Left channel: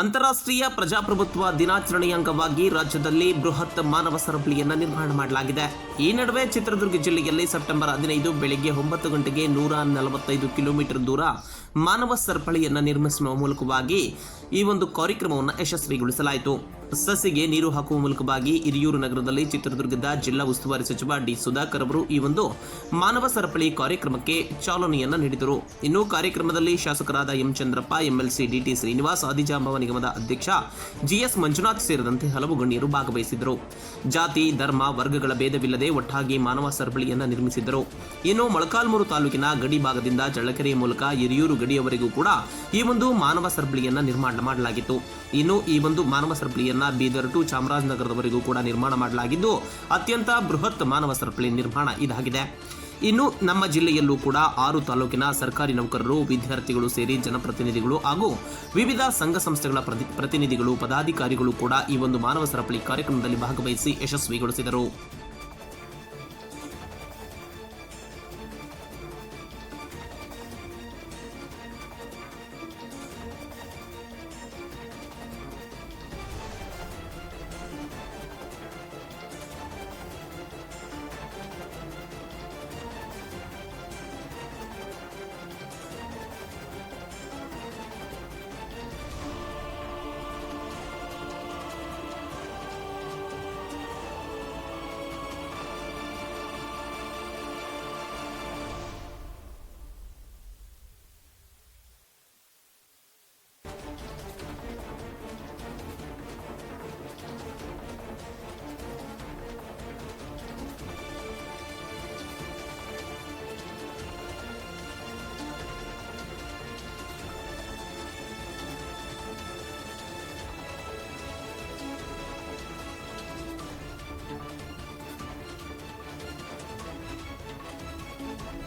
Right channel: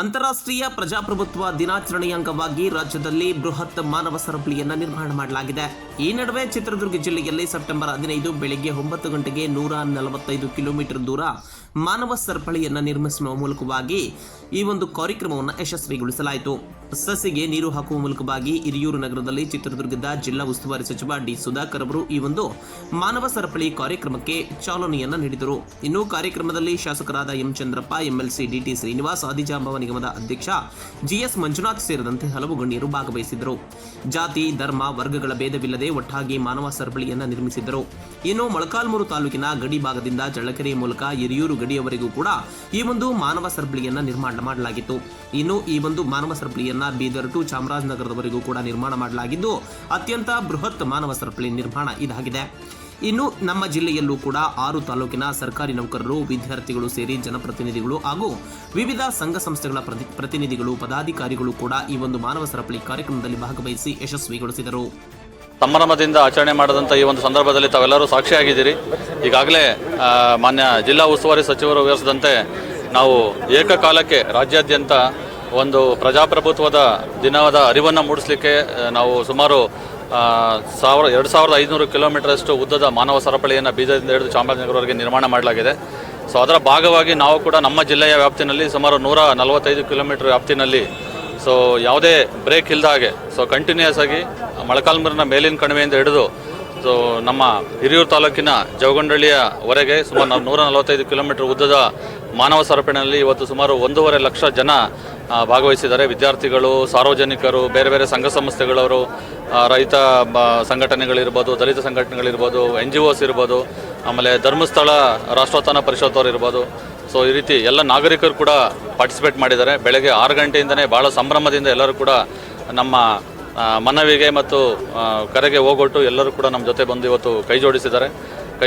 ಅಂತಾರಾಷ್ಟ್ರೀಯ ಪ್ರಜಾಪ್ರಭುತ್ವ ದಿನಾಚರಣೆಯ ಅಂಗವಾಗಿ ರಾಜ್ಯದಲ್ಲಿ ಬೃಹತ್ ಮಾನವ ಸರಪಳಿಯನ್ನು ನಿರ್ಮಾಣ ಮಾಡಲಾಗಿದೆ. ಈ ನಡುವೆ ಚಿತ್ರದುರ್ಗ ಜಿಲ್ಲೆಯಲ್ಲಿ ಸೆಪ್ಟೆಂಬರ್ 15 ಬೆಳಗ್ಗೆ 9 ಗಂಟೆಗೆ 145 ಕಿಲೋಮೀಟರ್ ದೂರ ಮಾನವ ಸರಪಳಿಯನ್ನು ನಿರ್ಮಿಸುವ ಮೂಲಕವಾಗಿ ಈ ಒಂದು ಕಾರ್ಯಕ್ರಮವನ್ನು ಯಶಸ್ವಿಗೊಳಿಸಲಾಯಿತು. ಸಸಿಗೆ ನೀರು ಹಾಕುವ ಮೂಲಕವಾಗಿ ಹಿರಿಯೂರು ನಗರದಲ್ಲಿ ಚಿತ್ರದುರ್ಗದ ಜಿಲ್ಲಾ ಉಸ್ತುವಾರಿ ಸಚಿವ ಡಿ ಸುಧಾಕರ್ ಅವರು ಈ ಒಂದು ಮಾನವ ಸರಪಳಿ ಕಾರ್ಯಕ್ರಮಕ್ಕೆ ಚಾಲನೆಯನ್ನು ನೀಡಿದರು. ಇನ್ನು ಕಾರ್ಯಕ್ರಮದಲ್ಲಿ ಶಾಸಕರಾದ M Chandrappa, MLC DT Srinivas, Adijambava ನಿಗಮದ ಅಧ್ಯಕ್ಷ ಜಿಎಸ್ ಮಂಜುನಾಥ್ ಸೇರಿದಂತೆ ಹಲವು ಗಣ್ಯರು ಭಾಗವಹಿಸಿದ್ದರು. ಜಾತಿ, ಧರ್ಮ, ವರ್ಗಗಳ ಭೇದವಿಲ್ಲದೆ ಒಟ್ಟಾಗಿ ಮಾನವ ಸರಪಳಿಯನ್ನು ನಿರ್ಮಿಸಿದ್ದರು. ಇನ್ನು ಮೊಳಕಾಲ್ಮೂರು ತಾಲೂಕಿನ ಗಡಿ ಭಾಗದಿಂದ ಚಳ್ಳಕೆರೆ ಮೂಲಕ ಹಿರಿಯೂರು ಗಡಿಯವರೆಗೂ ಕೂಡ ಈ ಒಂದು ಮಾನವ ಸರಪಳಿಯನ್ನು ನಿರ್ಮಾಣ ಮಾಡಲಾಗಿತ್ತು. ಇನ್ನು ಈ ಒಂದು ಮಾನವ ಸರಪಳಿಯನ್ನು ಬೀದರ್ ಟು ಚಾಮರಾಜನಗರದವರೆಗೂ ಕೂಡ ನಿರ್ಮಾಣ ಮಾಡಲಾಗಿದ್ದು ಅತ್ಯಂತ ಬೃಹತ್ ಮಾನವ ಸರಪಳಿ ನಿರ್ಮಾಣ ಇದಾಗಿದೆ. ಇನ್ನು ನಮ್ಮ ಜಿಲ್ಲೆಯಲ್ಲೂ ಕೂಡ 6 ತಾಲೂಕಿನ ಸರ್ಕಾರಿ ನೌಕರರು, ವಿದ್ಯಾರ್ಥಿಗಳು ಸೇರಿ ಜನಪ್ರತಿನಿಧಿಗಳು ಹಾಗೂ ವಿವಿಧ ಸಂಘ ಸಂಸ್ಥೆಗಳ ಪ್ರತಿನಿಧಿಗಳು, ಪದಾಧಿಕಾರಿಗಳು ಕೂಡ ಈ ಒಂದು ಮಾನವ ಸರಪಳಿ ಕಾರ್ಯಕ್ರಮದಲ್ಲಿ ಭಾಗವಹಿಸಿ ಯಶಸ್ವಿಗೊಳಿಸಿದರು. ಸಂಭ್ರಮದಿಂದ ಆಚರಣೆ ಮಾಡಿದಂಥ ಈ ಒಂದು ಸಂದರ್ಭದಲ್ಲಿ ತಾವೆಲ್ಲರೂ ಸಾಕ್ಷಿಯಾಗಿದ್ದೀರಿ. ಈಗಾಗಲೇ ಮಾನ್ಯ ಜಿಲ್ಲಾ ಉಸ್ತುವಾರಿ ಸಚಿವರು ವಿವರಿಸಿದಂತೆ ನಾವು ಏಕಕಾಲಕ್ಕೆ ರಾಜ್ಯಾದ್ಯಂತ ಒಂದು ಪ್ರಜಾಪ್ರಭುತ್ವದ ದಿನದ ಅರಿವನ್ನು ಮೂಡಿಸಲಿಕ್ಕೆ ನಾವು ಸುಮಾರು 2500 ಕಿಲೋಮೀಟರಷ್ಟು ಉದ್ದದ ಮಾನವ ಸರಪಳಿಯನ್ನು ಬೀದರ್ದಿಂದ ಹಿಡಿದು ಚಾಮರಾಜನಗರವರೆಗೆ ನಿರ್ಮಾಣ ಮಾಡಲಾಗಿದೆ. ಸೊ ಅದರ ಭಾಗವಾಗಿ ನಾವು ಕೂಡ ನಮ್ಮ ಜಿಲ್ಲೆಯ ವ್ಯಾಪ್ತಿನಲ್ಲಿ ಸುಮಾರು 145 ಕಿಲೋಮೀಟರ್ ವ್ಯಾಪ್ತಿನಲ್ಲಿ ಯಾವುದೇ ಬ್ರೇಕ್ ಇಲ್ಲದ ಹಾಗೆ ಕಂಟಿನ್ಯೂಯಸ್ ಆಗಿ ಮೊಳಕಾಲ್ಮೂರಿನ ಮೇಲಿನ ಕಣಿವೆಯಿಂದ ಹಿಡಿದು ನಮ್ಮ ಹಿರಿಯೂರು ತಾಲೂಕಿನ ಜವಗೊಂಡಳ್ಳಿಯವರೆಗೆ ಸುಮಾರು 145 ಕಿಲೋಮೀಟರ್ ಉದ್ದದ ಮಾನವ ಸರಪಳಿಯಲ್ಲಿ ಇವತ್ತು ಸುಮಾರು 1.5 ಲಕ್ಷ ಜನ ಭಾಗವಹಿಸಿದ್ದಾರೆ. ವಿದ್ಯಾರ್ಥಿಗಳು, ಸಾರ್ವಜನಿಕರು, ಬೇರೆ ಬೇರೆ ಸಂಘ ಸಂಸ್ಥೆಗಳವರು, ರೈತ ಸಂಘಟನೆಗಳಿರ್ಬೋದು, ದಲಿತ ಸಂಘಟನೆಗಳಿರ್ಬೋದು, NGOs ಇರ್ಬೋದು, ಆಮೇಲೆ ಧರ್ಮಸ್ಥಳ ರಾಷ್ಟ್ರೋತ್ಥಾನ ಪರಿಷತ್ತವರು ಇರ್ಬೋದು. ಈ ರೀತಿ ಎಲ್ಲ ನಾಗರಿಕರು ಕೂಡ ಪಾರ್ಟಿಸಿಪೇಟ್ ಮಾಡಿದ್ದಾರೆ. ಬೆಳಗ್ಗೆ 6 ಗಂಟೆಯಿಂದನೇ ಭಾಳ ಸಂಭ್ರಮದಿಂದ ಎಲ್ಲರೂ ಕೂಡ ನಮ್ಮ ಮನವಿಗೆ ಮತ್ತು ಕರೆಗೆ ಹೋಗೊಟ್ಟು ಎಲ್ಲರೂ ಕೂಡ ನಮ್ಮ ಜೊತೆ ಬಂದು ಇವತ್ತು ಕೈ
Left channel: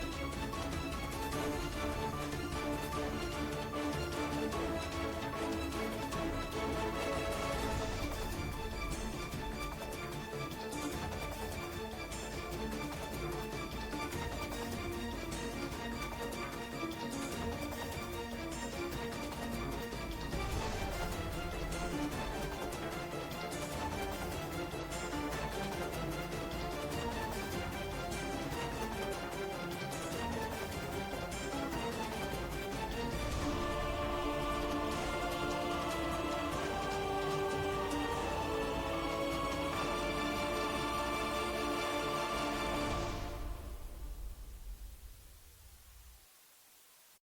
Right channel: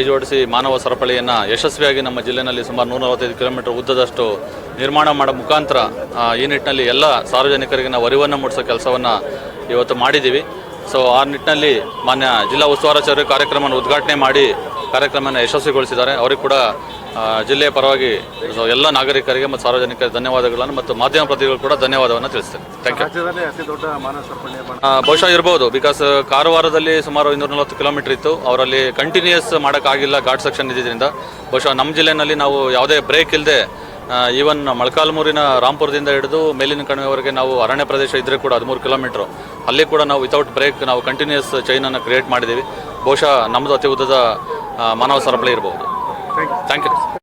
ಜೋಡಿಸಿ ಮಾನವ ಸರಪಳಿಯನ್ನು ಯಶಸ್ವಿಯಾಗಿ ನಮ್ಮ ಜಿಲ್ಲೆಯಲ್ಲಿ ಸುಮಾರು 145 ಕಿಲೋಮೀಟರ್ ಉದ್ದದಷ್ಟು ನಿರ್ಮಾಣ ಮಾಡೋ ಮುಖಾಂತರ ಈ ನಿಟ್ಟಿನಲ್ಲಿ ಎಲ್ಲ ಸಾರ್ವಜನಿಕರಿಗೆ ನಾವು ಅರಿವನ್ನು ಮೂಡಿಸೋ ಕೆಲಸವನ್ನು ಇವತ್ತು ಮಾಡಿದ್ದೀವಿ. ಆ ನಿಟ್ಟಿನಲ್ಲಿ ಮಾನ್ಯ ಜಿಲ್ಲಾ ಉಸ್ತುವಾರಿ ಸಚಿವರು ಕಾರ್ಯಕ್ರಮವನ್ನು ಉದ್ಘಾಟನೆ ಮಾಡಿ ಕಾರ್ಯಕ್ರಮವನ್ನು ಯಶಸ್ವಿಗೊಳಿಸಿದ್ದಾರೆ. ಅವರಿಗೆ ಕೂಡ ಜಿಲ್ಲೆಯ ಪರವಾಗಿ ಎಲ್ಲ ನಾಗರಿಕರಿಗೆ ಮತ್ತು ಸಾರ್ವಜನಿಕರಿಗೆ ಧನ್ಯವಾದಗಳನ್ನು ಮತ್ತು ಮಾಧ್ಯಮ ಪ್ರತಿನಿಧಿಗಳು ಕೂಡ ಧನ್ಯವಾದವನ್ನು ತಿಳಿಸ್ತೇನೆ. Thank you. ಬಹುಶಃ ಇರ್ಬೋದು, ಬಿಕಾಸ್ ಕಾರವಾರದಲ್ಲಿ ಸುಮಾರು 240 ಕಿಲೋಮೀಟರ್ ಇತ್ತು. ಅವರಲ್ಲಿ ಕಂಟಿನ್ಯೂಯಸ್ ಮಾಡೋಕ್ಕಾಗಿಲ್ಲ, ಘಾಟ್ ಸೆಕ್ಷನ್ ಇದ್ದಿದ್ದರಿಂದ. ಬಹುಶಃ ನಮ್ಮ ಜಿಲ್ಲೆಯಲ್ಲಿ ನಾವು ಯಾವುದೇ ಬ್ರೇಕ್ ಇಲ್ಲದೆ ಈವನ್ ಮೊಳಕಾಲ್ಮೂರಿನ ರಾಂಪುರದಿಂದ ಹಿಡಿದು ಮೇಲಿನ ಕಣಿವೆವರೆಗೆ ನಾವು ಅರಣ್ಯ ಪ್ರದೇಶ ಇದ್ದರೆ ಕೂಡ 13 ಕಿಲೋಮೀಟ್ರು ಅಲ್ಲಿ ಕೂಡ ನಾವು ವಿತೌಟ್ ಬ್ರೇಕ್ ನಾವು ಕಂಟಿನ್ಯೂಯಸ್ ಚೈನನ್ನು ಕ್ರಿಯೇಟ್ ಮಾಡಿದ್ದೀವಿ. ಬಹುಶಃ ನಮ್ಮದು ಅತಿ ಉದ್ದದ ಮಾನವ ಸರಪಳಿ ಇರಬಹುದು. Thank you.